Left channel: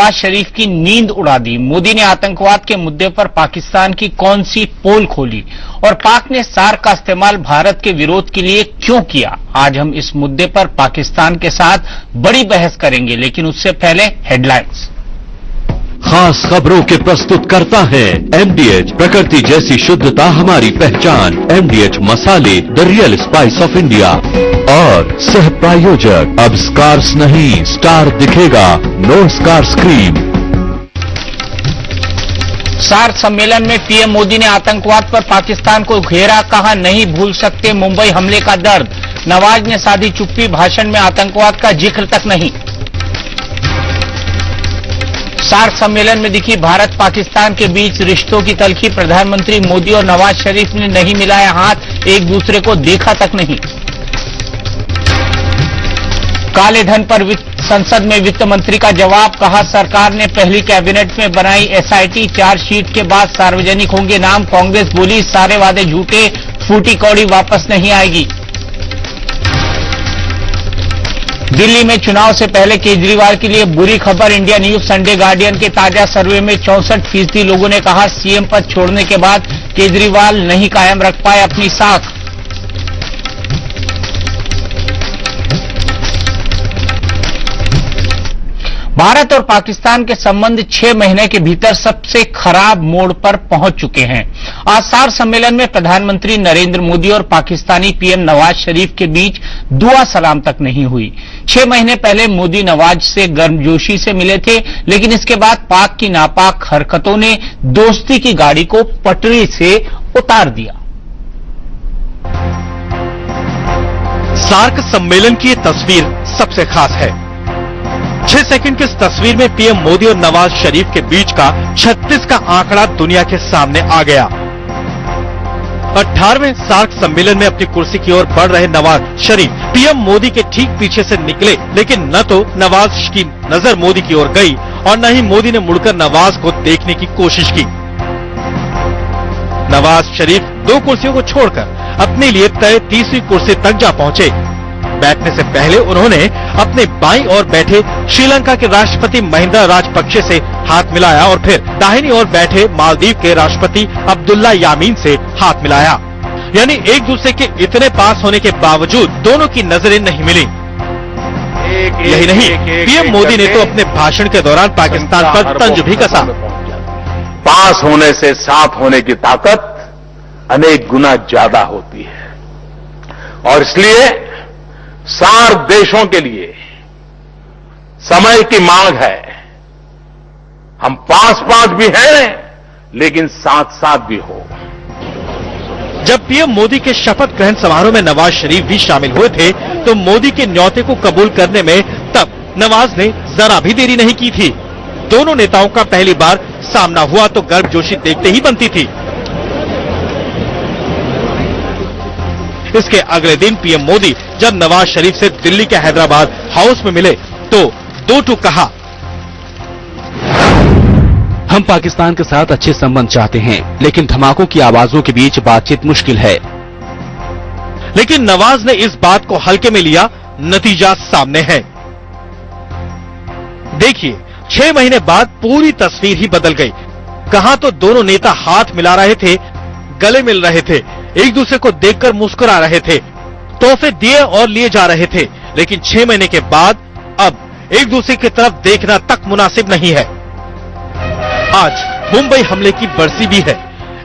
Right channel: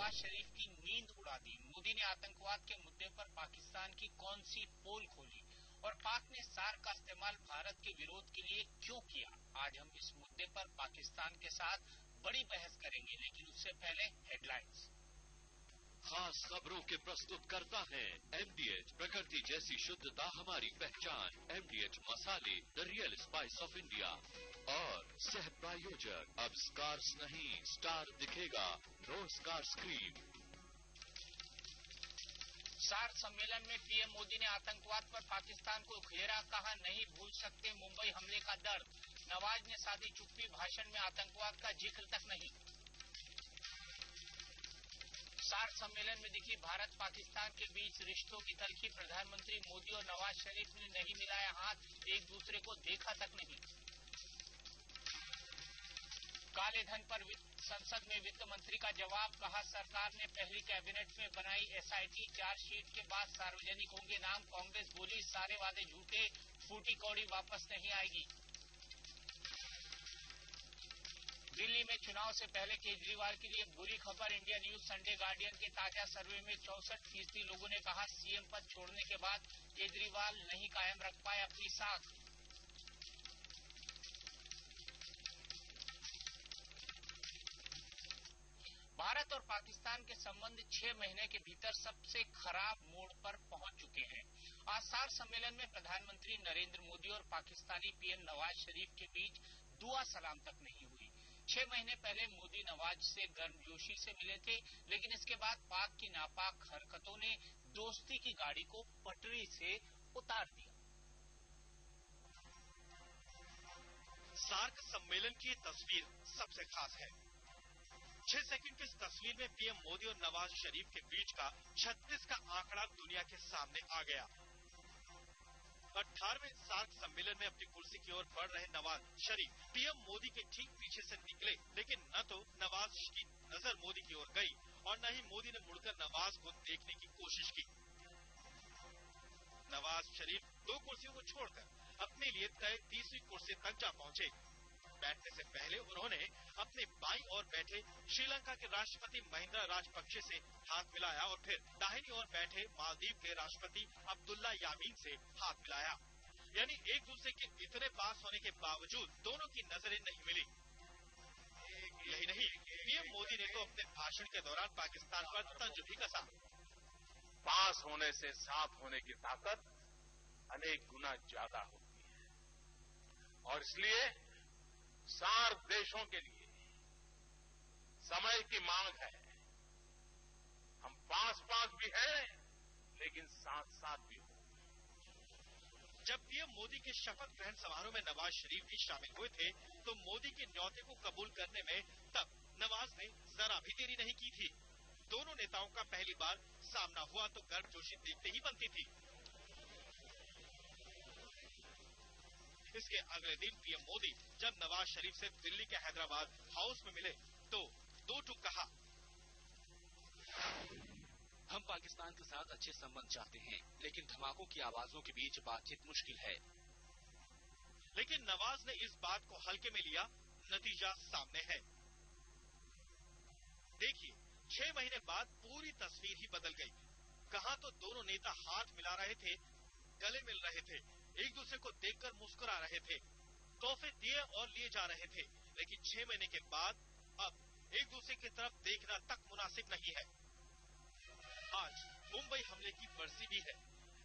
नवाज शरीफ की नींद उड़ा दी। मोदी ने आतंकवाद के मुद्दे पर पाकिस्तान की कौन सी पोल खोली और पाक ने सार्क का इस्तेमाल भारत के विरोध के लिए क्यों किया? आज हम इस मुद्दे पर पाकिस्तान के साथ बड़ी बहस करेंगे, लेकिन उससे पहले हेडलाइंस। खास खबरों के प्रस्तुत करता है MDH, प्रकृति जैसी शुद्धता हमारी पहचान। MDH मसाले, the real spice of India. और सह प्रायोजक, अब स्कार्स नहीं स्टार दिखेगा, नो स्कार स्क्रीम। सार्क सम्मेलन में पीएम मोदी ने आतंकवाद पर पाकिस्तान को घेरा, कहा नहीं भूल सकते मुंबई हमले का दर्द। नवाज ने साधी चुप्पी, भाषण में आतंकवाद का जिक्र तक नहीं। सार्क सम्मेलन में दिखी भारत पाकिस्तान के बीच रिश्तों की तलखी। प्रधानमंत्री मोदी और नवाज शरीफ ने नहीं मिलाया हाथ, एक दूसरे को देखा तक नहीं। काले धन पर संसद में वित्त मंत्री का जवाब, कहा सरकार ने पहली कैबिनेट में बनाई SIT, चार्जशीट के बाद सार्वजनिक होंगे नाम। कांग्रेस बोली सारे वादे झूठे, फूटी कौड़ी वापस नहीं आएगी। दिल्ली में चुनाव से पहले केजरीवाल के लिए बुरी खबर। इंडिया न्यूज संडे गार्डियन के ताजा सर्वे में 64% लोगों ने कहा सीएम पद छोड़ने के बाद केजरीवाल नहीं कायम रख पाए अपनी साख। भारत और पाकिस्तान के संबंध 6 महीने के भीतर सबसे खराब मोड़ पर पहुंच चुके हैं। आज सार्क सम्मेलन में प्रधानमंत्री नरेंद्र मोदी और पाकिस्तानी पीएम नवाज शरीफ के बीच दुआ सलाम तक नहीं हुई। 6 महीने पहले मोदी नवाज से गर्मजोशी से मिले थे, लेकिन इसके बाद पाक की नापाक हरकतों ने दोस्ती की गाड़ी को पटरी से उतार दिया। सार्क सम्मेलन की ये तस्वीर सबसे खास है। 6 सेकंड की इस तस्वीर में पीएम मोदी और नवाज शरीफ के बीच का 36 का आंकड़ा दुनिया के सामने आ गया। 18वें सार्क सम्मेलन में अपनी कुर्सी की ओर बढ़ रहे नवाज शरीफ पीएम मोदी के ठीक पीछे से निकले, लेकिन न तो नवाज की नजर मोदी की ओर गई और न ही मोदी ने मुड़कर नवाज को देखने की कोशिश की। नवाज शरीफ 2 कुर्सियों को छोड़कर अपने लिए तय 30वीं कुर्सी तक जा पहुंचे। बैठने से पहले उन्होंने अपने बाईं ओर बैठे श्रीलंका के राष्ट्रपति महिंदा राजपक्षे से हाथ मिलाया और फिर दाहिनी ओर बैठे मालदीव के राष्ट्रपति अब्दुल्ला यामीन से हाथ मिलाया। यानी एक दूसरे के इतने पास होने के बावजूद दोनों की नजरें नहीं मिली। यही नहीं, पीएम मोदी ने तो अपने भाषण के दौरान पाकिस्तान पर तंज भी कसा। पास होने से साथ होने की ताकत अनेक गुना ज्यादा होती है और इसलिए सार्क देशों के लिए समय की मांग है। हम पास भी हैं, लेकिन साथ साथ भी हो। जब पीएम मोदी के शपथ ग्रहण समारोह में नवाज शरीफ भी शामिल हुए थे, तो मोदी के न्योते को कबूल करने में तब नवाज ने जरा भी देरी नहीं की थी। दोनों नेताओं का पहली बार सामना हुआ तो गर्मजोशी देखते ही बनती थी। इसके अगले दिन पीएम मोदी जब नवाज शरीफ से दिल्ली के हैदराबाद हाउस में मिले तो 2 टूक कहा, हम पाकिस्तान के साथ अच्छे संबंध चाहते हैं, लेकिन धमाकों की आवाजों के बीच बातचीत मुश्किल है। लेकिन नवाज ने इस बात को हल्के में लिया, नतीजा सामने है। देखिए, 6 महीने बाद पूरी तस्वीर ही बदल गई। कहां तो दोनों नेता हाथ मिला रहे थे, गले मिल रहे थे, एक दूसरे को देखकर मुस्कुरा रहे थे, तोहफे दिए और लिए जा रहे थे, लेकिन 6 महीने के बाद अब एक दूसरे की तरफ देखना तक मुनासिब नहीं है। आज मुंबई हमले की बरसी भी है।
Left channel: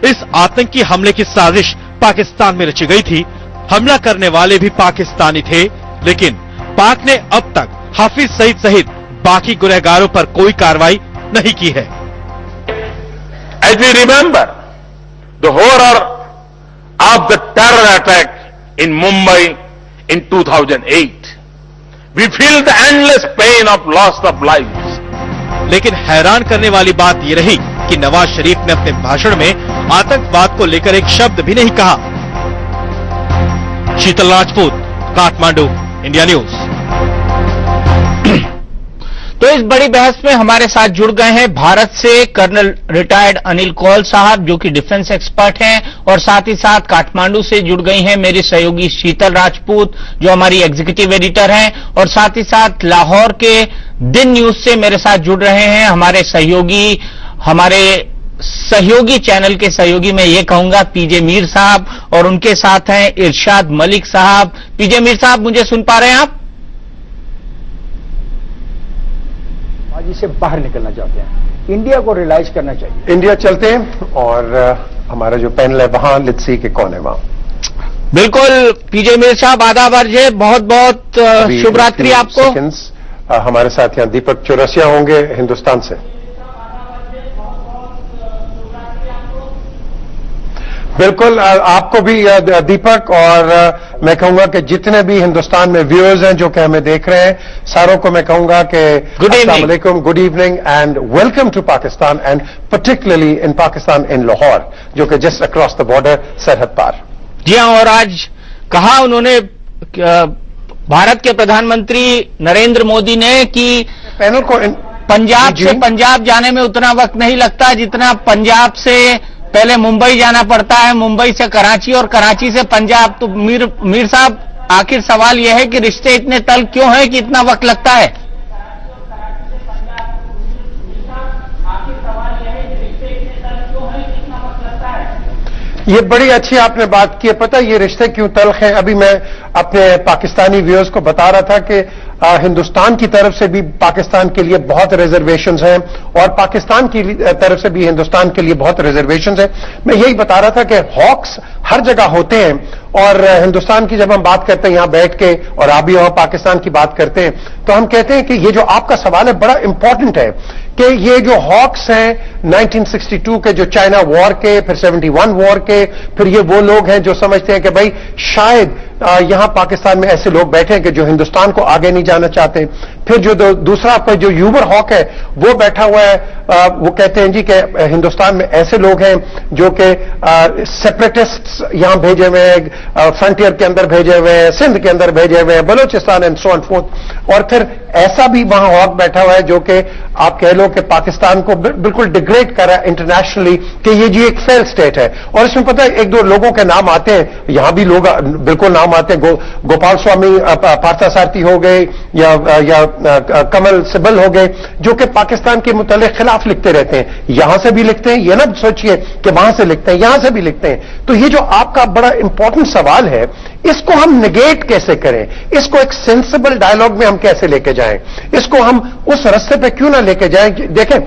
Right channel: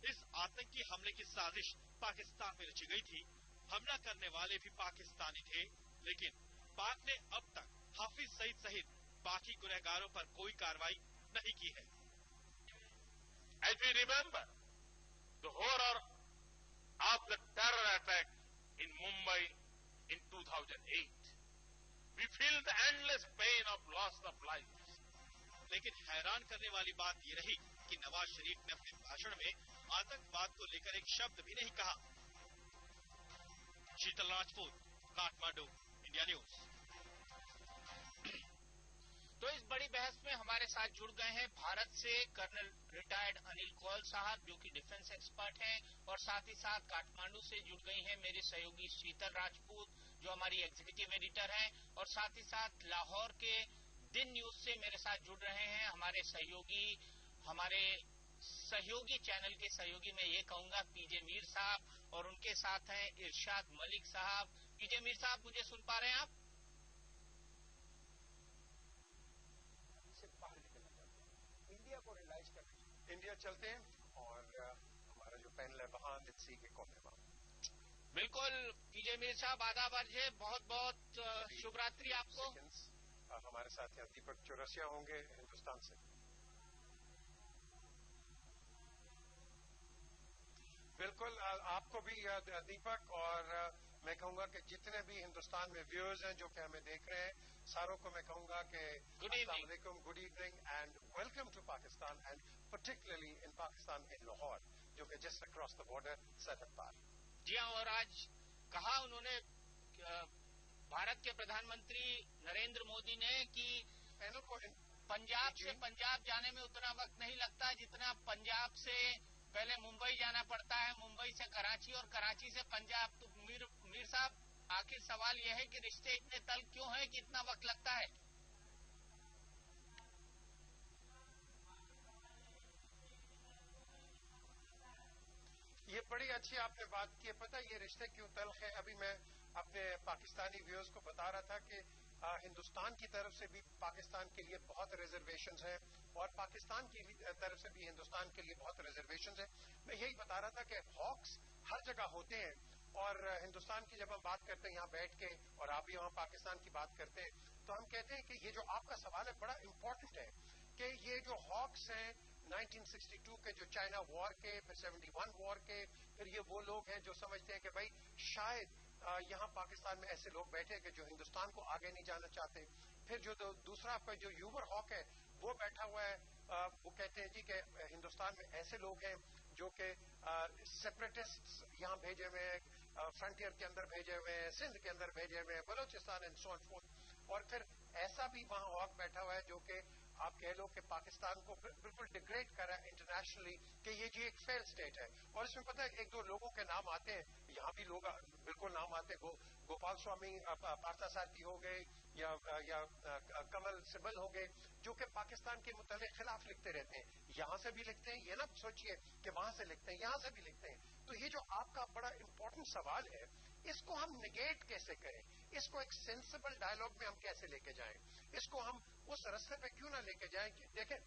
इस आतंकी हमले की साजिश पाकिस्तान में रची गई थी। हमला करने वाले भी पाकिस्तानी थे, लेकिन पाक ने अब तक हाफिज सईद सहित बाकी गुनहगारों पर कोई कार्रवाई नहीं की है। As we remember the horror of the terror attack in Mumbai in 2008, we feel the endless pain of loss of lives. लेकिन हैरान करने वाली बात ये रही कि नवाज शरीफ ने अपने भाषण में आतंकवाद को लेकर एक शब्द भी नहीं कहा। शीतल राजपूत, काठमांडू, इंडिया न्यूज। तो इस बड़ी बहस में हमारे साथ जुड़ गए हैं भारत से कर्नल रिटायर्ड अनिल कौल साहब, जो कि डिफेंस एक्सपर्ट हैं, और साथ ही साथ काठमांडू से जुड़ गई हैं मेरी सहयोगी शीतल राजपूत, जो हमारी एग्जीक्यूटिव एडिटर हैं, और साथ ही साथ लाहौर के दिन न्यूज से मेरे साथ जुड़ रहे हैं हमारे सहयोगी चैनल के सहयोगी मैं ये कहूंगा पीजे मीर साहब, और उनके साथ हैं इरशाद मलिक साहब। पीजे मीर साहब, मुझे सुन पा रहे हैं आप? आज से बाहर निकलना चाहते हैं, इंडिया को रियलाइज करना चाहिए। इंडिया चलते हैं और हमारा जो पैनल है वहां लेट्स सी के कौन है वहां। बिल्कुल पीजे मीर साहब, आदाब अर्ज है, बहुत बहुत शुभ रात्रि आपको। हमारे साथ यहाँ दीपक चौरसिया होंगे हिंदुस्तान से। बिल्कुल, आपको भी दीपक, और मैं कहूंगा कि जितने भी हिंदुस्तान में व्यूअर्स हैं जो कि हमें देख रहे हैं, सारों को मैं कहूंगा कि अस्सलाम वालेकुम, good evening and welcome to Pakistan, and particularly in Pakistan in Lahore, जो कि जस्ट अक्रॉस द बॉर्डर, सरहद पार। जी हां, और आज कहा उन्होंने भारत के प्रधानमंत्री नरेंद्र मोदी ने कि पैनल को पंजाब से पंजाब जाने में उतना वक्त नहीं लगता जितना पंजाब से पहले मुंबई जाना पड़ता है, मुंबई से कराची और कराची से पंजाब। तो मीर साहब, आखिर सवाल यह है कि रिश्ते इतने तल्ख क्यों हैं कि इतना वक्त लगता है? ये बड़ी अच्छी आपने बात की है। पता है ये रिश्ते क्यों तल्ख हैं? अभी मैं अपने पाकिस्तानी व्यूअर्स को बता रहा था कि हिंदुस्तान की तरफ से भी पाकिस्तान के लिए बहुत रिजर्वेशंस हैं और पाकिस्तान की तरफ से भी हिंदुस्तान के लिए बहुत रिजर्वेशंस हैं। मैं यही बता रहा था कि हॉक्स हर जगह होते हैं, और हिंदुस्तान की जब हम बात करते हैं यहां बैठ के, और आप भी वहां पाकिस्तान की बात करते हैं, तो हम कहते हैं कि ये जो आपका सवाल है बड़ा इंपॉर्टेंट है कि ये जो हॉक्स हैं 1962 के, जो चाइना वॉर के, फिर 71 वॉर के, फिर ये वो लोग हैं जो समझते हैं कि भाई शायद यहां पाकिस्तान में ऐसे लोग बैठे हैं कि जो हिंदुस्तान को आगे नहीं जाना चाहते। फिर जो दूसरा आपका जो यूबर हॉक है वो बैठा हुआ है, वो कहते हैं जी कि हिंदुस्तान में ऐसे लोग हैं जो कि सेपरेटिस्ट यहां भेजे हुए हैं, फ्रंटियर के अंदर भेजे हुए हैं, सिंध के अंदर भेजे हुए हैं, Balochistan and so and fourth. और फिर ऐसा भी वहां हॉक बैठा हुआ है जो कि आप कह लो कि पाकिस्तान को बिल्कुल डिग्रेड कर रहा है इंटरनेशनली कि ये जी एक फेल स्टेट है। और इसमें पता है एक दो लोगों के नाम आते हैं, यहां भी लोग बिल्कुल नाम आते हैं, गोपाल स्वामी पार्थसारथी हो गए या कमल सिब्बल हो गए, जो कि पाकिस्तान के मुतालिक खिलाफ लिखते रहते हैं। यहां से भी लिखते हैं, ये ना सोचिए कि वहां से लिखते हैं, यहां से भी लिखते हैं। तो ये जो आपका बड़ा इंपॉर्टेंट सवाल है, इसको हम निगेट कैसे करें, इसको एक सेंसिबल डायलॉग में हम कैसे लेके जाएं, इसको हम उस रास्ते पे क्यों ना लेके जाएं। देखें,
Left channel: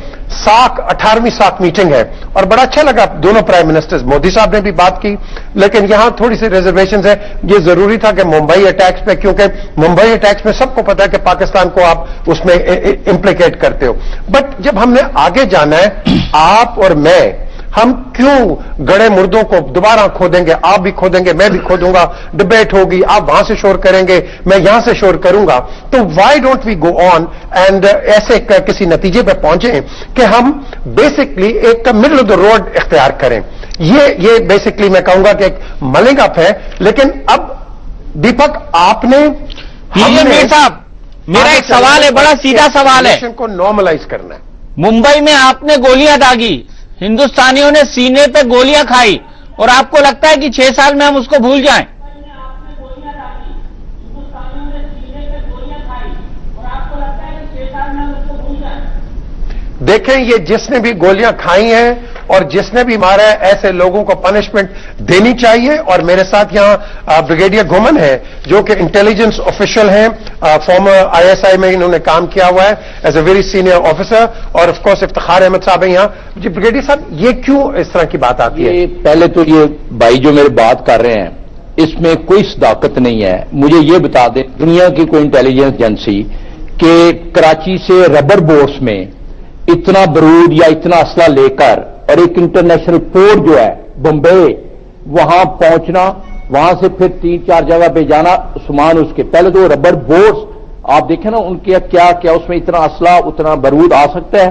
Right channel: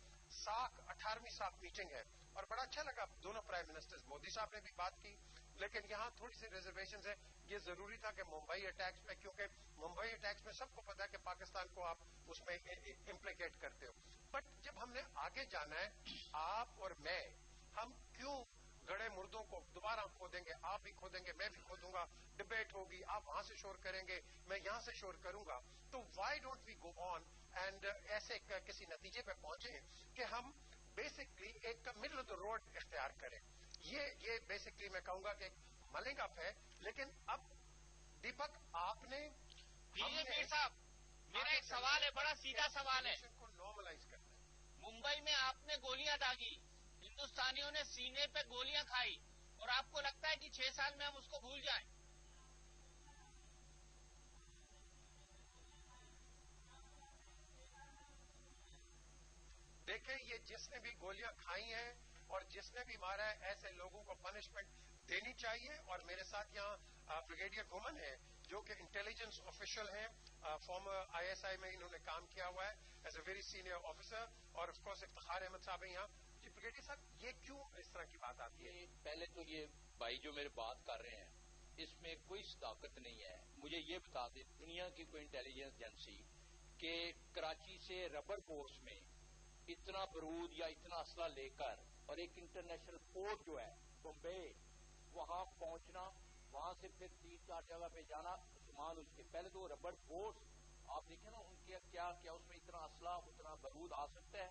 18वीं साख मीटिंग है और बड़ा अच्छा लगा, दोनों प्राइम मिनिस्टर्स, मोदी साहब ने भी बात की, लेकिन यहां थोड़ी सी रिजर्वेशंस है। ये जरूरी था कि मुंबई अटैक्स पे, क्योंकि मुंबई अटैक्स में सबको पता है कि पाकिस्तान को आप उसमें इंप्लीकेट करते हो। बट जब हमने आगे जाना है, आप और मैं, हम क्यों गड़े मुर्दों को दोबारा खोदेंगे? आप भी खोदेंगे, मैं भी खोदूंगा, डिबेट होगी, आप वहां से शोर करेंगे, मैं यहां से शोर करूंगा। तो why don't we go on and ऐसे किसी नतीजे पे पहुंचे कि हम बेसिकली एक मिडिल ऑफ द रोड इख्तियार करें। ये बेसिकली मैं कहूंगा कि एक मलिंग अप है। लेकिन अब दीपक, आपने साहब, मेरा एक सवाल है, बड़ा सीधा सवाल है, को नॉर्मलाइज करना है। मुंबई में आपने गोलियां दागी, हिंदुस्तानियों ने सीने पे गोलियां खाई, और आपको लगता है कि 6 साल में हम उसको भूल जाएं? देखें, ये जिसने भी गोलियां खाई हैं और जिसने भी मारा है, ऐसे लोगों को पनिशमेंट देनी चाहिए। और मेरे साथ यहां ब्रिगेडियर घुमन है जो कि इंटेलिजेंस ऑफिशियल हैं, फॉर्मर ISI में इन्होंने काम किया हुआ है as a very senior officer, और ऑफ कोर्स इफ्तिखार अहमद साहब है यहां। जी ब्रिगेडियर साहब, ये क्यों इस तरह की बात आती है? पहले तो ये भाई जो मेरे बात कर रहे हैं, इसमें कोई सदाकत नहीं है। मुझे ये बता दें, दुनिया की कोई इंटेलिजेंस एजेंसी के कराची से रबर बोट्स में इतना बारूद या इतना असला लेकर और एक इंटरनेशनल पोर्ट जो है बम्बई, वहां पहुंचना, वहां से फिर 3-4 जगह पे जाना, सामान उसके, पहले तो रबर बोट्स आप देखें ना उनके क्या क्या उसमें इतना असला, उतना बारूद आ सकता है।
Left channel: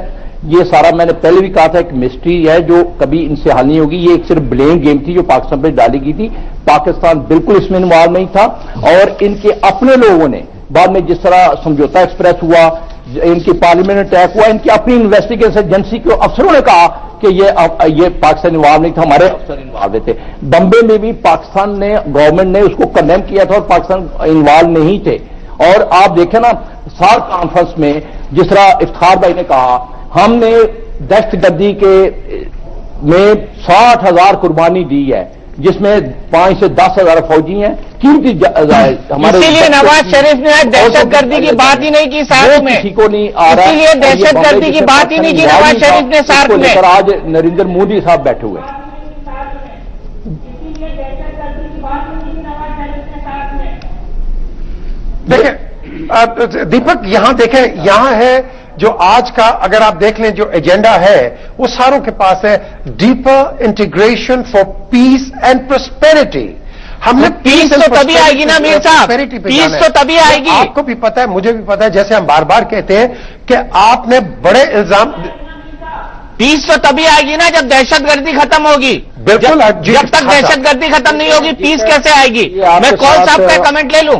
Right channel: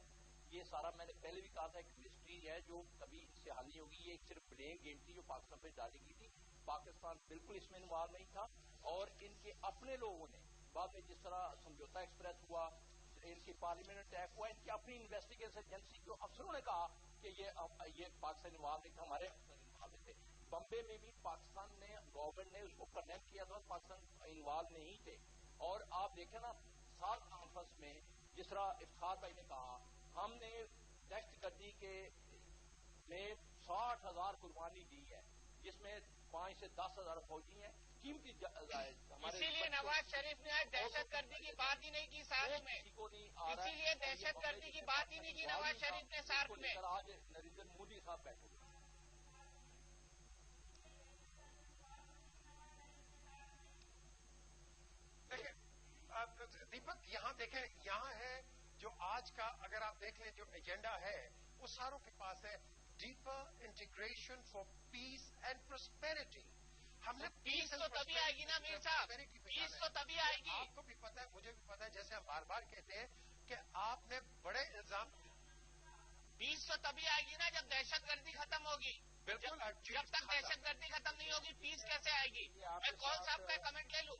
ये सारा मैंने पहले भी कहा था एक मिस्ट्री है जो कभी इनसे हल नहीं होगी। ये एक सिर्फ ब्लेम गेम थी जो पाकिस्तान पर डाली गई थी। पाकिस्तान बिल्कुल इसमें इन्वॉल्व नहीं था, और इनके अपने लोगों ने बाद में जिस तरह समझौता एक्सप्रेस हुआ, इनकी पार्लियामेंट अटैक हुआ, इनकी अपनी इन्वेस्टिगेशन एजेंसी के अफसरों ने कहा कि ये पाकिस्तान इन्वॉल्व नहीं था, हमारे अफसर इन्वॉल्व थे। बम्बे में भी पाकिस्तान ने, गवर्नमेंट ने उसको कंडेम किया था और पाकिस्तान इन्वॉल्व नहीं थे। और आप देखें ना, सार्क कॉन्फ्रेंस में जिस तरह इफ्तिखार भाई ने कहा, हमने दहशतगर्दी में 60,000 कुर्बानी दी है, जिसमें 5 से 10,000 फौजी हैं, कीमती हमारे। इसीलिए नवाज शरीफ ने दहशतगर्दी की बात ही नहीं की सार्क में, किसी को नहीं आ रहा, इसीलिए दहशतगर्दी की बात ही नहीं की नवाज शरीफ ने सार्क में। आज नरेंद्र मोदी साहब बैठे हुए हैं। देखिए दीपक, यहां देखें, यहां है जो आज का, अगर आप देख लें जो एजेंडा है, वो सारों के पास है, deeper integration for piece and prosperity. हमने पीस तो तभी आएगी ना मीर साहब, पीस तो तभी आएगी। आपको भी पता है, मुझे भी पता है, जैसे हम बार बार कहते हैं कि आपने बड़े इल्जाम। पीस तो तभी आएगी ना जब दहशतगर्दी खत्म होगी। बिल्कुल, जब तक दहशतगर्दी खत्म नहीं होगी, पीस कैसे आएगी? मैं कौल साहब का कमेंट ले लूं।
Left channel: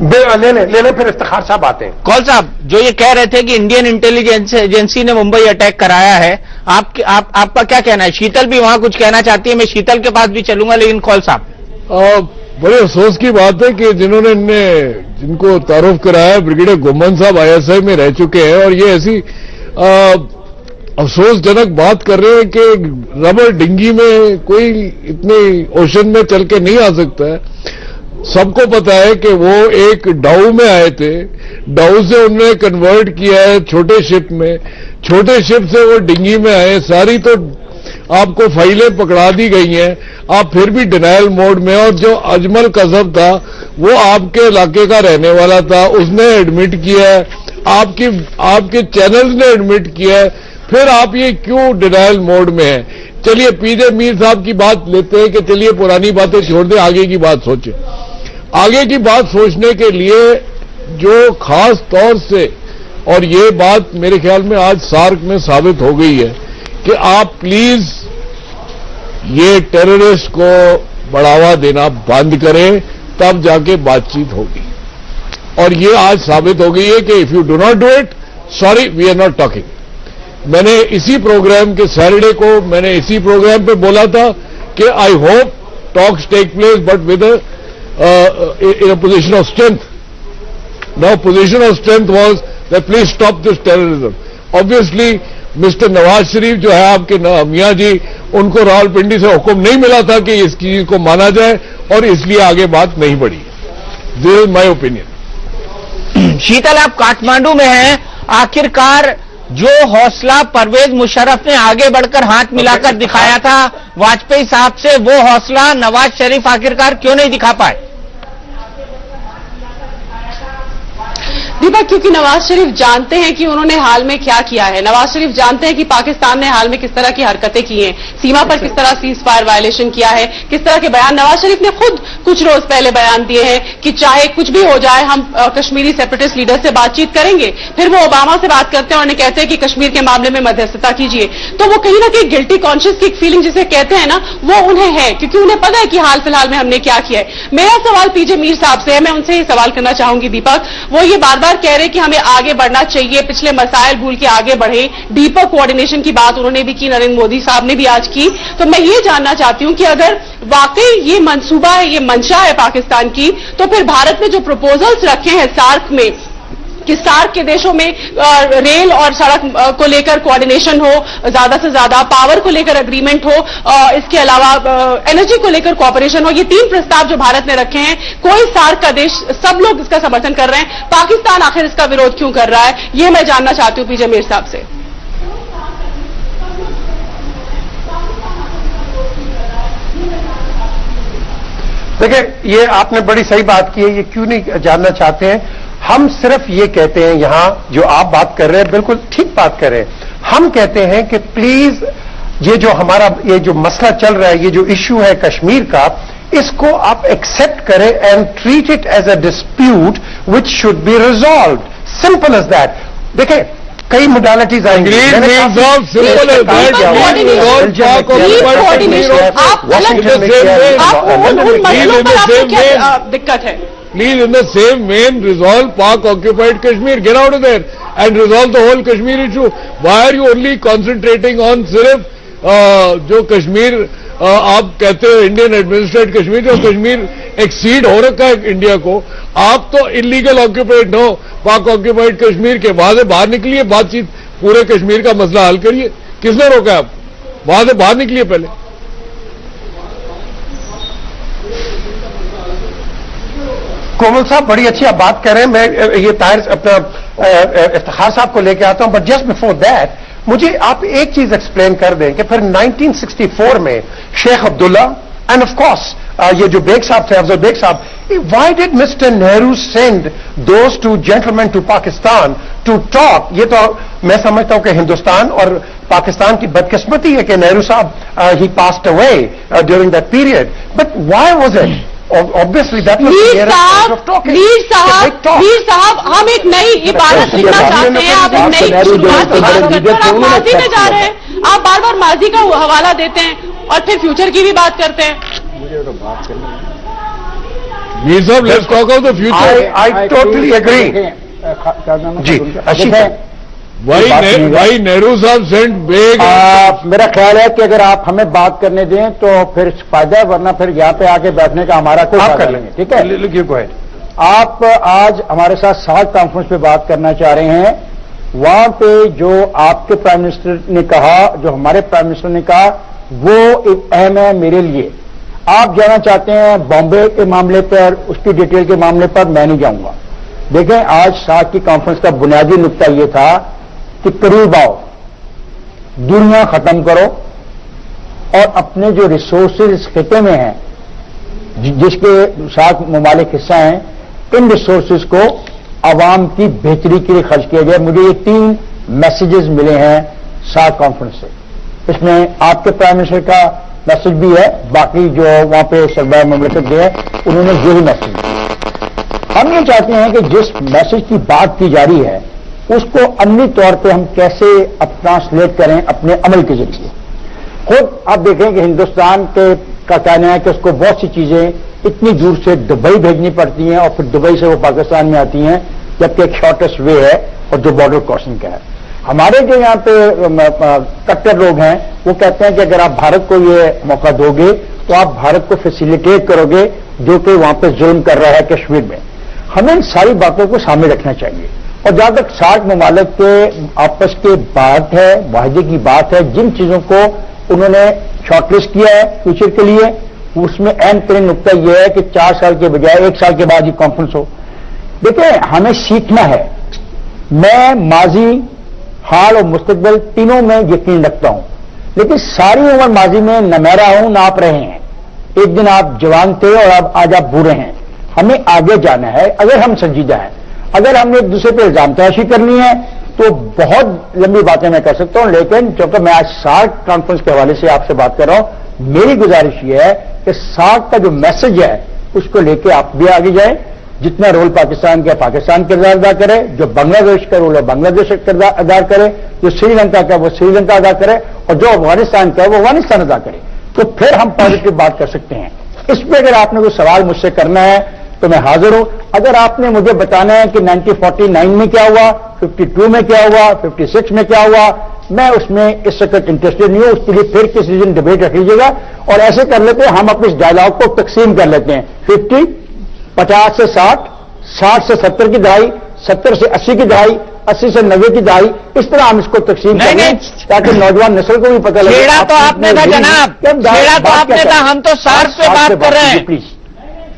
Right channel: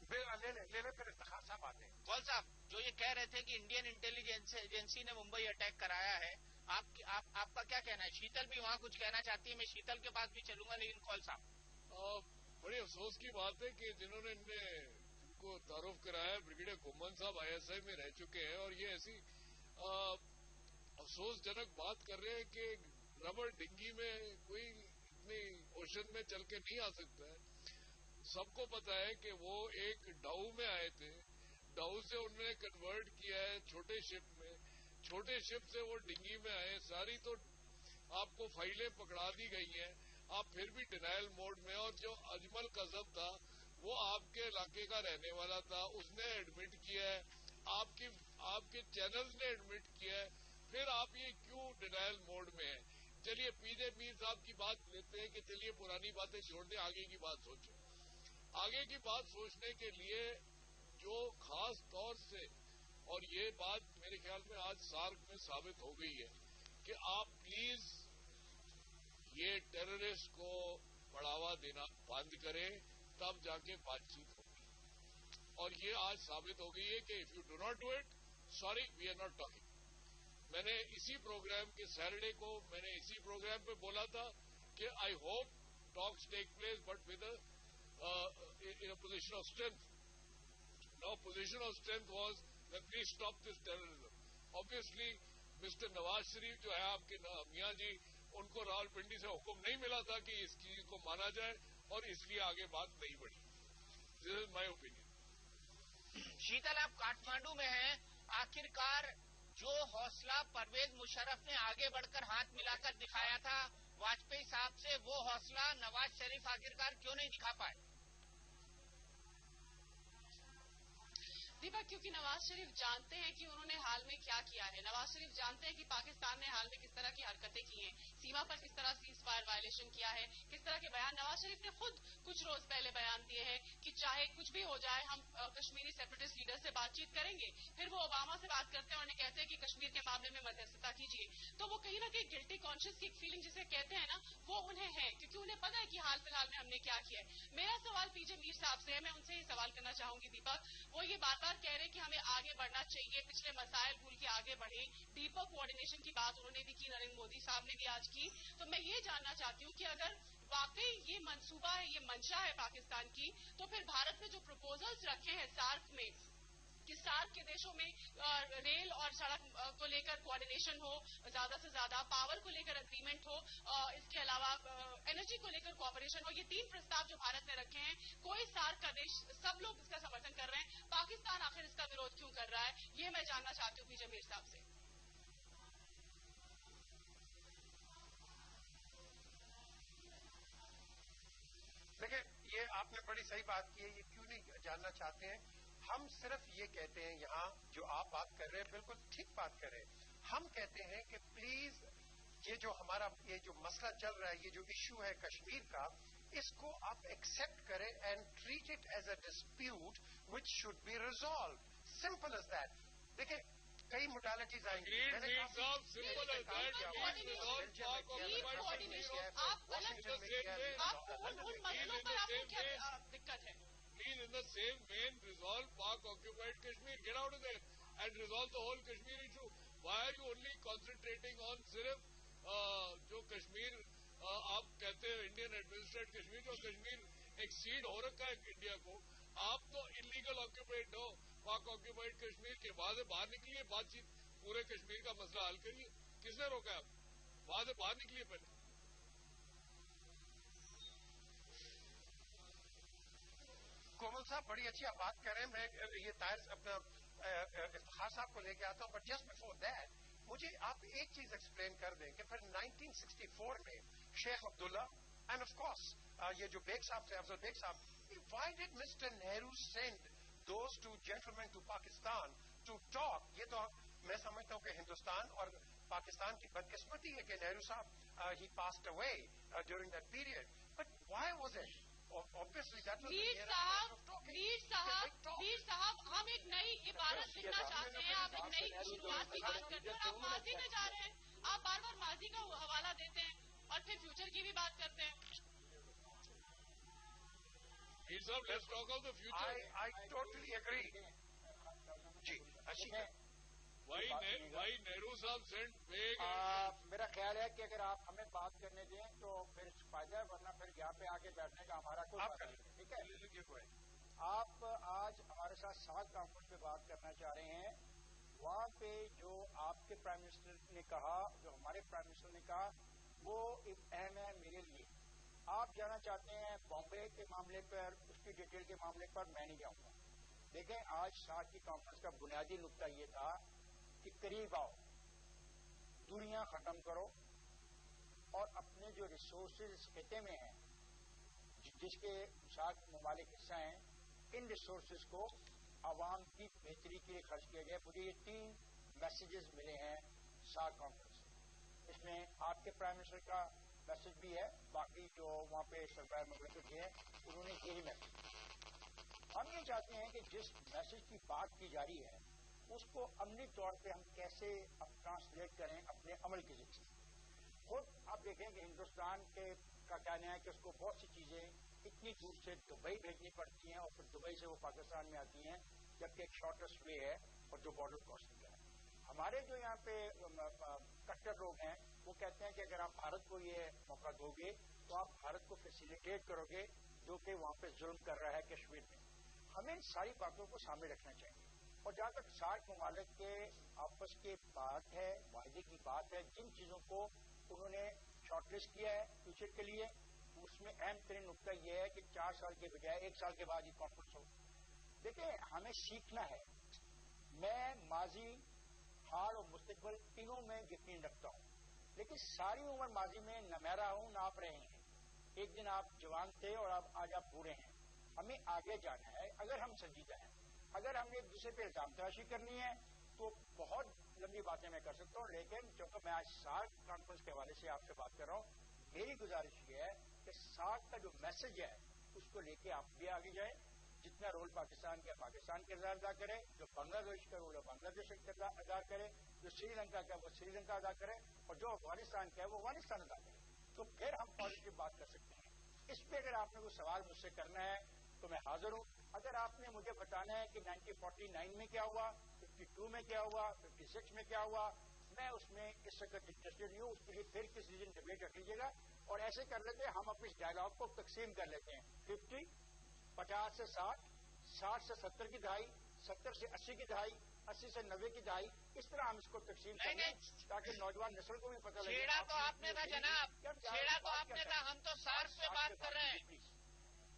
ले लें फिर इफ्तिखार साहब आते हैं। कौल साहब, जो ये कह रहे थे कि इंडियन इंटेलिजेंस एजेंसी ने मुंबई अटैक कराया है, आपका क्या कहना है? शीतल भी वहां कुछ कहना चाहती है, मैं शीतल के पास भी चलूंगा, लेकिन कौल साहब। बड़े अफसोस की बात है कि जिनको तारुफ कराया, ब्रिगेडियर गुम्मन साहब ISI में रह चुके हैं, और ये ऐसी अफसोसजनक बात कर रहे हैं कि रबर डिंगी में कोई इतने ओशन में चल के नहीं आ सकता है। सबको पता है कि वो एक डाउ में आए थे, डाउ से उन्होंने कन्वर्ट किया है छोटे शिप में, छोटे शिप से वो डिंगी में आए। सारी तो आपको फाइलें पकड़ा दी गई हैं, आप फिर भी डिनायल मोड में। और जो अजमल कसब था, वो आपके इलाके का रहने वाला था, उसने एडमिट किया है, आपके चैनल्स ने एडमिट किया है, फिर आप ये क्यों डिनायल मोड में हैं? चलिए पीजे मीर साहब की बात लेते हैं कि चलिए पुरानी बातें छोड़ दें, आगे की बात सोचें। आगे की बात सोचने के लिए जो खास तौर से, और ये बात मेरे ख्याल में आज सार्क में साबित हो गई है कि आप प्लीज ये टेररिस्ट को बढ़ावा देना बंद करें, तब जाके बातचीत होगी। और ये आज साबित हो गई है कि if you do not do it, sorry, we are not talking. मैंने इसी प्रोग्राम के सैटरडे को मैंने इसी प्रोग्राम पे बोला था कि I hope talks take place, but with in a position of strength. Now position of strength was that please stop this terrorism. Obviously Mr. Nawaz Sharif जो है आपके मियां जी, उनको रावलपिंडी से हुक्म नहीं मिला था कि इस चीज को माना जाए, और इसलिए आगे बात नहीं बढ़ी। This is my opinion. Sheetal, आप काठमांडू में हैं, आखिरकार जो हौसला परवेज मुशर्रफ ने आगे बढ़कर हाथ मिलाकर दिखाया था वाजपेयी साहब से, वो हौसला नवाज शरीफ आखिरकार क्यों नहीं दिखा पाए? दीपक, क्योंकि नवाज शरीफ जानते हैं कि उन्होंने हाल में क्या किया है। नवाज शरीफ जानते हैं कि पाकिस्तान ने हाल में किस तरह की हरकतें की हैं, सीमा पर किस तरह सीज फायर वायलेशन किया है, किस तरह के बयान नवाज शरीफ ने खुद कुछ रोज पहले बयान दिए हैं कि चाहे कुछ भी हो जाए, हम कश्मीरी सेपरेटिस्ट लीडर से बातचीत करेंगे। फिर वो ओबामा से बात करते हैं और उन्हें कहते हैं कि कश्मीर के मामले में मध्यस्थता कीजिए। तो वो कहीं ना कहीं गिल्टी कॉन्शियस की फीलिंग जिसे कहते हैं ना, वो उन्हें है, क्योंकि उन्हें पता है कि हाल फिलहाल में हमने क्या किया है। मेरा सवाल पीजे मीर साहब से है, मैं उनसे ये सवाल करना चाहूंगी दीपक। वो ये बार बार कह रहे कि हमें आगे बढ़ना चाहिए, पिछले मसाइल भूल के आगे बढ़े, डीपर कोऑर्डिनेशन की बात उन्होंने भी की, नरेंद्र मोदी साहब ने भी आज की। तो मैं ये जानना चाहती हूं कि अगर वाकई ये मंसूबा है, ये मंशा है पाकिस्तान की, तो फिर भारत ने जो प्रपोजल्स रखे हैं सार्क में कि सार्क के देशों में रेल और सड़क को लेकर कोऑर्डिनेशन हो, ज्यादा से ज्यादा पावर को लेकर अग्रीमेंट हो, इसके अलावा एनर्जी को लेकर कोऑपरेशन हो, ये 3 प्रस्ताव जो भारत ने रखे हैं, कोई सार्क का देश, सब लोग इसका समर्थन कर रहे हैं, पाकिस्तान आखिर इसका विरोध क्यों कर रहा है, ये मैं जानना चाहती हूं पीजे मीर साहब से। देखिए, ये आपने बड़ी सही बात की है, ये क्यों नहीं जानना चाहते हैं। हम सिर्फ ये कहते हैं, यहां जो आप बात कर रहे हैं बिल्कुल ठीक बात कर रहे हैं। हम कहते हैं कि प्लीज ये जो हमारा ये जो मसला चल रहा है, ये जो इश्यू है कश्मीर का, इसको आप एक्सेप्ट करें and treat it as a dispute which should be resolve, simple as that. देखिए, कई मोडालिटीज आएंगी। Green means of simple as that. आप अलग आप उन मसलों पर आपको क्या दिक्कत है? Please, in the same vein, resolve Pak-occupied Kashmir. Get out of there and resolve the whole Kashmir issue. Why are you only concentrating on सिर्फ जो कश्मीर आप कहते हो इंडियन एडमिनिस्ट्रेटेड कश्मीर, जो कश्मीर एक्सीड हो रखा है इंडिया को, आप तो इलीगल ऑक्यूपाइड हो पाक ऑक्यूपाइड कश्मीर के, वहां से बाहर निकलिए, बातचीत पूरे कश्मीर का मसला हल करिए। किसने रोका आप? वहां से बाहर निकलिए पहले। कोमल साहब बड़ी अच्छी आप बात कर रहे हैं। मैं ये ताहिर अपना इफ्तिखार साहब को लेके आता हूं, बट जस्ट बिफोर दैट मुझे आप एक चीज एक्सप्लेन कर दें कि फिर 1964 में Sheikh Abdullah and of course ये जो बेग साहब थे, अफजल बेग साहब, why did mister Nehru send those two gentleman to Pakistan to talk? ये तो मैं समझता हूं कि हिंदुस्तान और पाकिस्तान की बदकिस्मती है कि नेहरू साहब ही passed away during that period, but why was it? Obviously, that was the era of talking. Mir साहब, हम एक नई इबारत लिखना चाहते हैं। आप एक नई शुरुआत की बात करते हैं, आप माजी में जा रहे हैं। आप बार बार माजी का हवाला देते हैं और फिर फ्यूचर की भी बात करते हैं। मीर साहब, let's talk of the future. I totally agree. जी, अच्छी है। भाई नेहरू साहब सेंट बेग। मेरा ख्याल है कि अगर आप हमें बात करने दें तो फिर फायदा है, वरना फिर यहाँ पे आके बैठने का हमारा कोई आप फायदा कर नहीं लेंगे। है। ठीक है, आप आज हमारे साथ साल्ट कॉन्फ्रेंस पे बात करना चाह रहे हैं। वहां पे जो आपके प्राइम मिनिस्टर ने कहा, जो हमारे प्राइम मिनिस्टर ने कहा, वो एक अहम है मेरे लिए। आप जाना चाहते हैं बॉम्बे के मामले पर, उसकी डिटेल के मामले पर मैं नहीं जाऊंगा। देखें, आज साल्ट की कॉन्फ्रेंस का बुनियादी नुकता यह था कि करीब आओ, दुनिया खत्म करो और अपने जो रिसोर्सेज इस खिते में हैं, जिसके 7 ममालिक हिस्सा हैं, इन रिसोर्सेज को आवाम की बेहतरी के लिए खर्च किया जाए। मुझे ये 3 मैसेजेस मिले हैं सार्क कॉन्फ्रेंस से। इसमें आपके प्राइम मिनिस्टर का मैसेज भी है, बाकी जो वहां पे सरबराह मुमलिकत गए उन्होंने यही मैसेज दिया। हम ये चाहते हैं कि जिस मैसेज की बात की जा रही है उसको अमली तौर पे हम कैसे अब ट्रांसलेट करें अपने अमल के जरिए। खुद आप देखें कि हिंदुस्तान का कहना है कि उसको बहुत सी चीजें इतनी दूर से दुबई भेजनी पड़ती हैं और फिर दुबई से वो पाकिस्तान में आती हैं, जबकि एक शॉर्टेस्ट वे है और जो बॉर्डर क्रॉसिंग का है। हमारे जो यहाँ पे कट्टर लोग हैं वो कहते हैं कि अगर आप भारत को ये मौका दोगे तो आप भारत को फैसिलिटेट करोगे जो कि वहां पे जुल्म कर रहा है कश्मीर में। हमें इन सारी बातों को सामने रखना चाहिए। और जहां तक 60 ममालिक के आपस के बात है, वाहिदे की बात है, जिन चीजों को उन्होंने शॉर्टलिस्ट किया है फ्यूचर के लिए, उसमें अहम तरीन नुकता यह है कि 4 साल के बजाय 1 साल के बाद ये कॉन्फ्रेंस हो। देखिए, हमें सीखना है। मैं माजी, हाल और मुस्तकबिल तीनों में यकीन रखता हूं, लेकिन सारी उम्र माजी में नमैरा हूं, नाप रहे हैं। एक दिन आप जवान थे और अब आज आप बूढ़े हैं। हमें आगे जाना है अगर हम संजीदा हैं। अगर हमने एक दूसरे पर इल्जाम तराशी करनी है तो बहुत लंबी बातें मैं कर सकता हूं, लेकिन चूंकि मैं आज सार्क कॉन्फ्रेंस के हवाले से आपसे बात कर रहा हूं, मेरी गुजारिश यह है कि सार्क का जो मैसेज है उसको लेकर आप भी आगे जाए। जितना रोल पाकिस्तान का पाकिस्तान किरदार अदा करे, जो बांग्लादेश का रोल है बांग्लादेश किरदार अदा करे, जो श्रीलंका का वो श्रीलंका अदा करे और जो अफगानिस्तान का है वो अफगानिस्तान अदा करे, तो फिर हम पॉजिटिव बात कर सकते हैं। इस पर अगर आपने कोई सवाल मुझसे करना है तो मैं हाजिर हूं। अगर आपने मुझे बताना है कि 1949 में क्या हुआ, 52 में क्या हुआ, 56 में क्या हुआ, मैं उसमें इस वक्त इंटरेस्टेड नहीं हूं। उसके लिए फिर किसी दिन डिबेट रख लीजिएगा और ऐसे कर लेते हैं, हम अपने इस डायलॉग को तकसीम कर लेते हैं 50 से 60, 60 से 70 की दहाई, 70 से 80 की दहाई, 80 से 90 की दहाई, इस तरह हम इसको तकसीम करें ताकि नौजवान नस्ल को भी पता लगे। छेड़ा तो आपने था जनाब, छेड़ा तो आपने था। हम तो सार्क पे बात कर रहे हैं। प्लीज,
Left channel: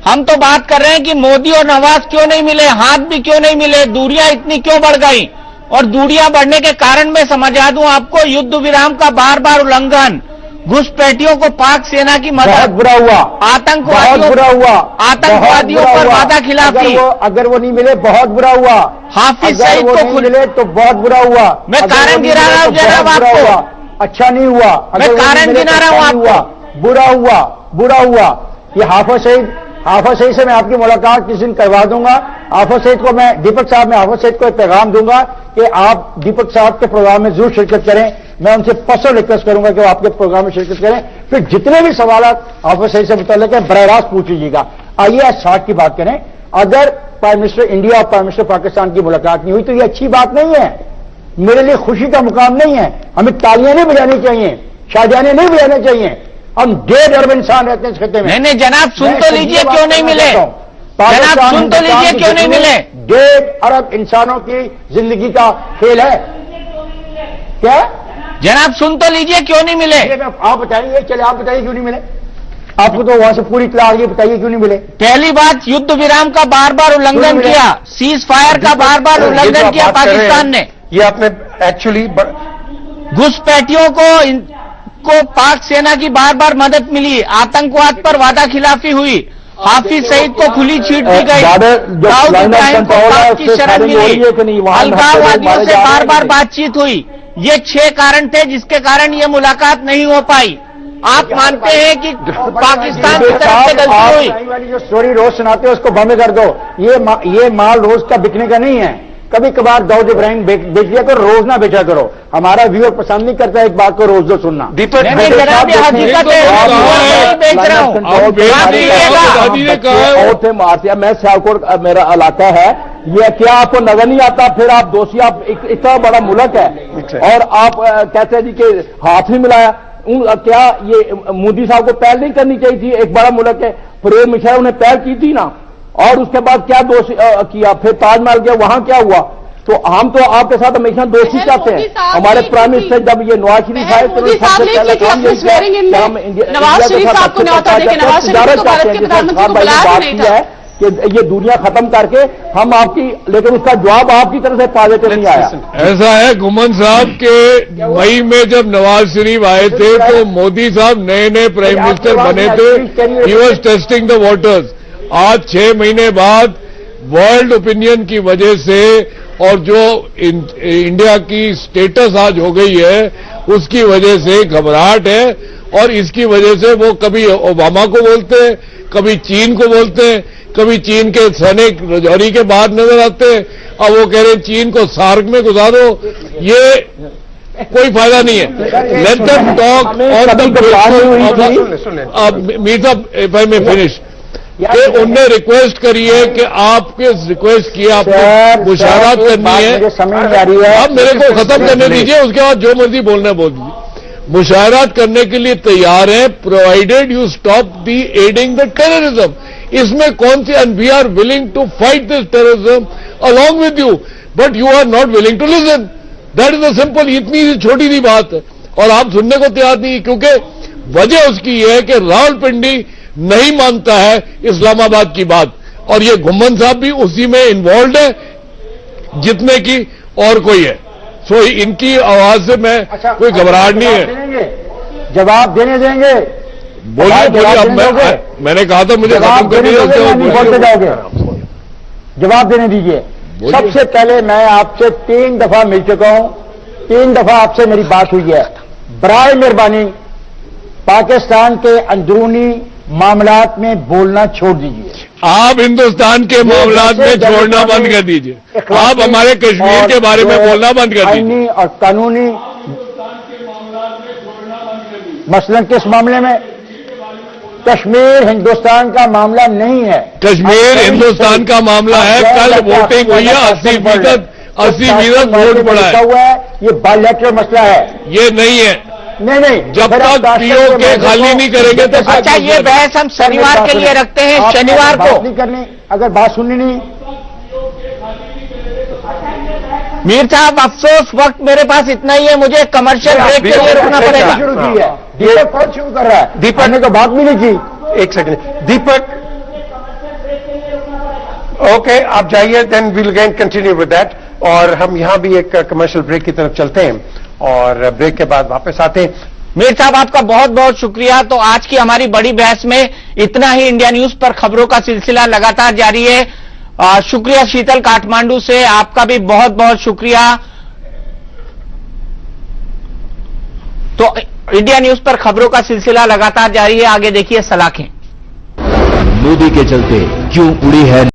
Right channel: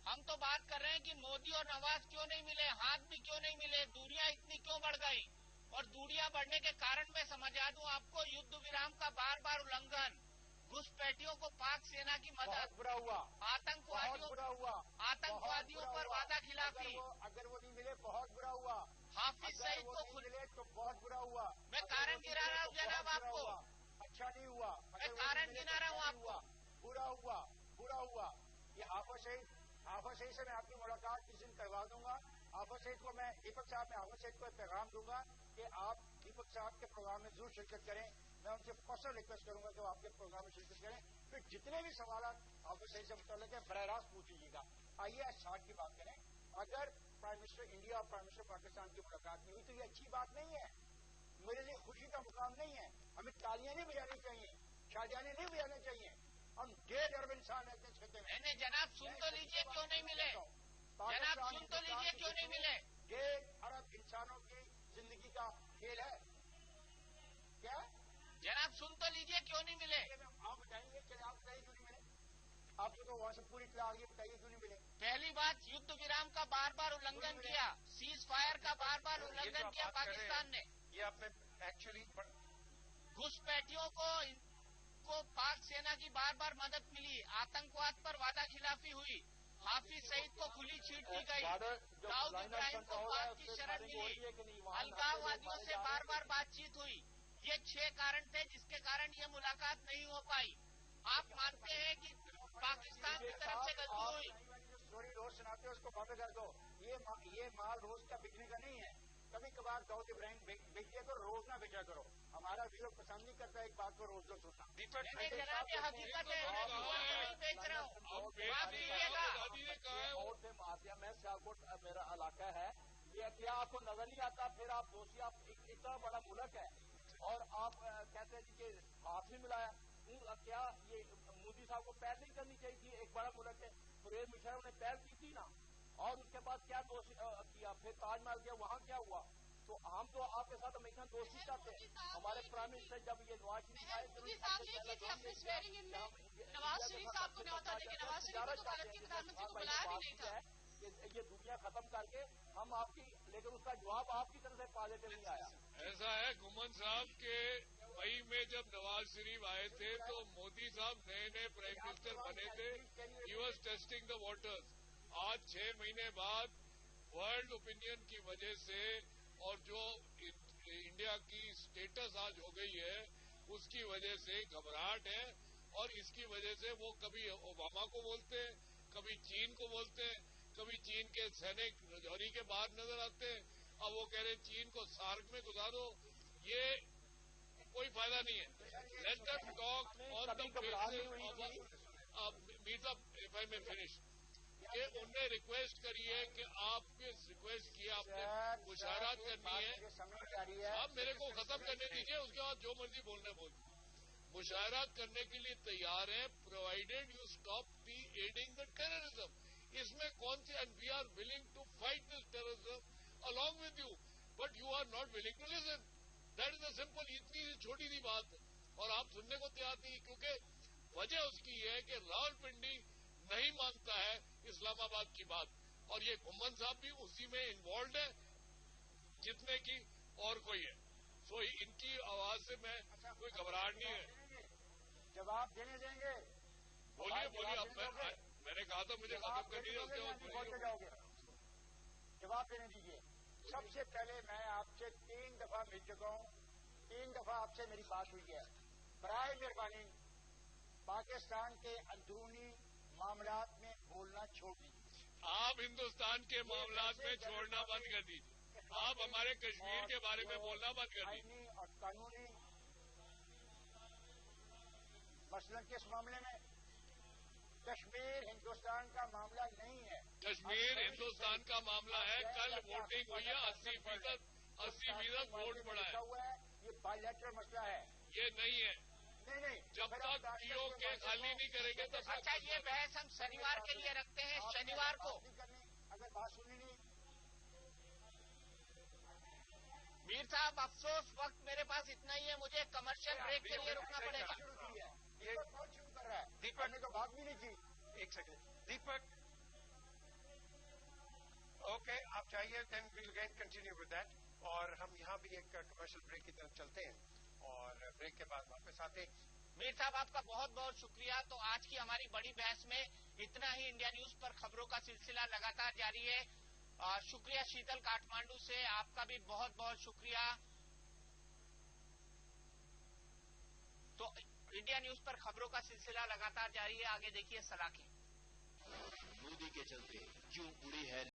हम तो बात कर रहे हैं कि मोदी और नवाज क्यों नहीं मिले, हाथ भी क्यों नहीं मिले, दूरियां इतनी क्यों बढ़ गई, और दूरियां बढ़ने के कारण मैं समझा दूं आपको, युद्ध विराम का बार बार उल्लंघन, घुसपैठियों को पाक सेना की बहुत मदद, बुरा हुआ, आतंकवादियों बहुत बुरा हुआ, आतंकवादियों पर वादा खिलाफी, अगर वो नहीं मिले बहुत बुरा हुआ। हाफिज अगर सईद वो को नहीं मिले तो बहुत बुरा हुआ। मैं अगर कारण वो नहीं गिना मिले रहा हूं तो जनाब बहुत बुरा आपको। हुआ। अच्छा नहीं हुआ। अगर मैं वो नहीं कारण मिले गिना तो रहा हूं अच्छा नहीं हुआ, आपको। बुरा हुआ, बुरा हुआ। ये हाफिज सईद से मैं आपकी मुलाकात किसी दिन करवा दूंगा। हाफिज सईद को मैं, दीपक साहब, मैं हाफिज सईद को एक पैगाम दूंगा कि आप दीपक साहब के प्रोग्राम में जरूर शिरकत करें। मैं उनसे पर्सनल रिक्वेस्ट करूंगा कि वो आपके प्रोग्राम में शिरकत करें। फिर जितने भी सवाल आपको सही से मुताल्लिक है बरह रास्त पूछ लीजिएगा। आइए आज 60 की बात करें। अगर प्राइम मिनिस्टर इंडिया और प्राइम मिनिस्टर पाकिस्तान की मुलाकात नहीं हुई तो ये अच्छी बात नहीं है, मेरे लिए खुशी का मुकाम नहीं है। हमें तालियां नहीं बजानी चाहिए, शादियाने नहीं बजाने चाहिए। हम 1.5 अरब इंसान रहते हैं इस खत्ते में। नहीं जनाब, सुन तो लीजिए क्यों नहीं मिले। जनाब सुन तो लीजिए क्यों नहीं मिले। 1.5 अरब इंसानों की जिंदगी का खेल है क्या? जनाब सुन तो लीजिए क्यों नहीं मिले। आप बताइए, चले आप बताइए क्यों नहीं मिले। आपको तो वहां से पूरी इत्तला आ गई, बताइए क्यों नहीं मिले। पहली बात, युद्ध विराम का बार बार उल्लंघन किया, सीज फायर का बार बार उल्लंघन किया पाकिस्तान ने। ये आपने एक्चुअली घुसपैठियों को पाक सेना की बार बार मदद मिली, आतंकवाद पर वादा खिलाफी हुई, हाफिज सईद को खुली छीट दी गई, दाऊद इब्राहिम को पाक की शरण मिली, अलगाववादियों से बार बार बातचीत हुई। ये 6 कारण थे जिसके कारण ये मुलाकात नहीं हो पाई। आप मानते हैं कि पाकिस्तान की तरफ से गलती हुई। वाली जो स्टोरी रोज सुनाते हो उसको बंद कर दो। ये माल रोज का बिकने का नहीं है। कभी कभार दाऊद इब्राहिम बेच दिया करो, रोज ना बेचा करो। हमारा व्यूअर पसंद नहीं करता एक बात को रोज दो सुनना। दीपक जनाब ये हकीकत है, बेच रहा हूँ। थे मारते, मैं सियालकोट मेरा इलाका है, ये क्या आपको नजर नहीं आता? फिर आप दोषी, आप इतना बड़ा मुल्क है और आप कहते हैं जी कि हाथ नहीं मिलाया। क्या ये मोदी साहब को पहल नहीं करनी चाहिए थी? एक बड़ा मुल्क है, परवेज मुशर्रफ ने पहल की थी ना। और उसके बाद क्या दोष किया? फिर ताजमहल गया, वहां क्या हुआ? तो हम तो आपके साथ हमेशा दोषी चाहते हैं। हमारे प्राइम मिनिस्टर जब ये नवाज शरीफ आए तो नवाज शरीफ साहब को न्योता देके नवाज शरीफ को भारत के प्रधानमंत्री को बुलाया नहीं था कि ये दुनिया खत्म करके हम आपकी, लेकिन उसका जवाब आपकी तरफ से पॉजिटिव नहीं आया। ऐसा है, गुमान साहब के मई में जब नवाज शरीफ आए थे तो मोदी साहब नए नए प्राइम मिनिस्टर बने थे। He was testing the waters. आज 6 महीने बाद वर्ल्ड ओपिनियन की वजह से और जो इंडिया की स्टेटस आज हो गई है उसकी वजह से घबराहट है। और इसकी वजह से वो कभी ओबामा को बोलते हैं, कभी चीन को बोलते हैं, कभी चीन के सैनिक रजौरी के बाहर नजर आते हैं। अब वो कह रहे हैं चीन को सार्क में घुसा दो। ये कोई फायदा नहीं है। Let them talk on the meet में फिनिश। उनने रिक्वेस्ट करी है कि आपके रिक्वेस्ट किए, आपको मुशावरत करनी है। आप मेरे को खत्म करने दीजिए, उसके बाद जो मर्जी बोलना बोल दीजिए। मुशावरत करने के लिए तैयार है, provided you stop the aiding the terrorism. इसमें कौन सी, and we are willing to fight this terrorism along with you, but you are not willing to listen. That is a simple, इतनी सी छोटी सी बात है और आप सुनने को तैयार नहीं, क्योंकि वजह उसकी यह है कि रावलपिंडी नहीं मानता है इस्लामाबाद की बात। और ये गुम्मन साहब भी उसी में इन्वॉल्व है जितने की और कोई है। सो इनकी आवाज से मैं कोई घबराहट नहीं है। जवाब देने देंगे, बोलिए बोलिए। अब मैंने कहा था मुझे खत्म करनी है, बोलते जाओगे। जवाब देने दीजिए। सबसे पहले मैं आपसे 3 दफा मिल चुका हूं, 3 दफा आपसे मेरी बात हुई है। बराए मेहरबानी पाकिस्तान के अंदरूनी मामलात में बोलना छोड़ दीजिए। आप हिंदुस्तान के मामलात में छोड़ना बंद कर दीजिए। आप हमारे कश्मीर के बारे में बोलना बंद कर दीजिए। आईनी और कानूनी मसलन किस मामले में? कश्मीर हिंदुस्तान का मामला नहीं है। कश्मीर हिंदुस्तान का मामला है। कल वोटिंग हुई है, 80% वोट पड़ा है। ये बायलैटरल मसला है, ये नहीं है। नहीं जब तक पीओके खाली नहीं करेंगे तो। अच्छा, ये बहस हम शनिवार के लिए रखते हैं। शनिवार को नहीं करनी, अगर बात सुननी नहीं। मीर साहब, अफसोस वक्त मेरे पास इतना ही है, मुझे कमर्शियल ब्रेक के लिए रुकना पड़ेगा। शुरू की है, दीपक कौन शुरू कर रहा है? दीपक ने तो बात भी नहीं की। एक सेकंड, दीपक ओके आप जाइए, then will again continue with that. और हम यहां भी एक कमर्शियल ब्रेक की तरफ चलते हैं और ब्रेक के बाद वापस आते हैं। मीर साहब, आपका बहुत बहुत शुक्रिया। तो आज की हमारी बड़ी बहस में इतना ही। इंडिया न्यूज पर खबरों का सिलसिला लगातार जारी है। शुक्रिया शीतल काठमांडू से, आपका भी बहुत बहुत शुक्रिया। तो इंडिया न्यूज पर खबरों का सिलसिला लगातार जारी है। आगे देखिए सलाखें। मोदी के चलते क्यों उड़ी है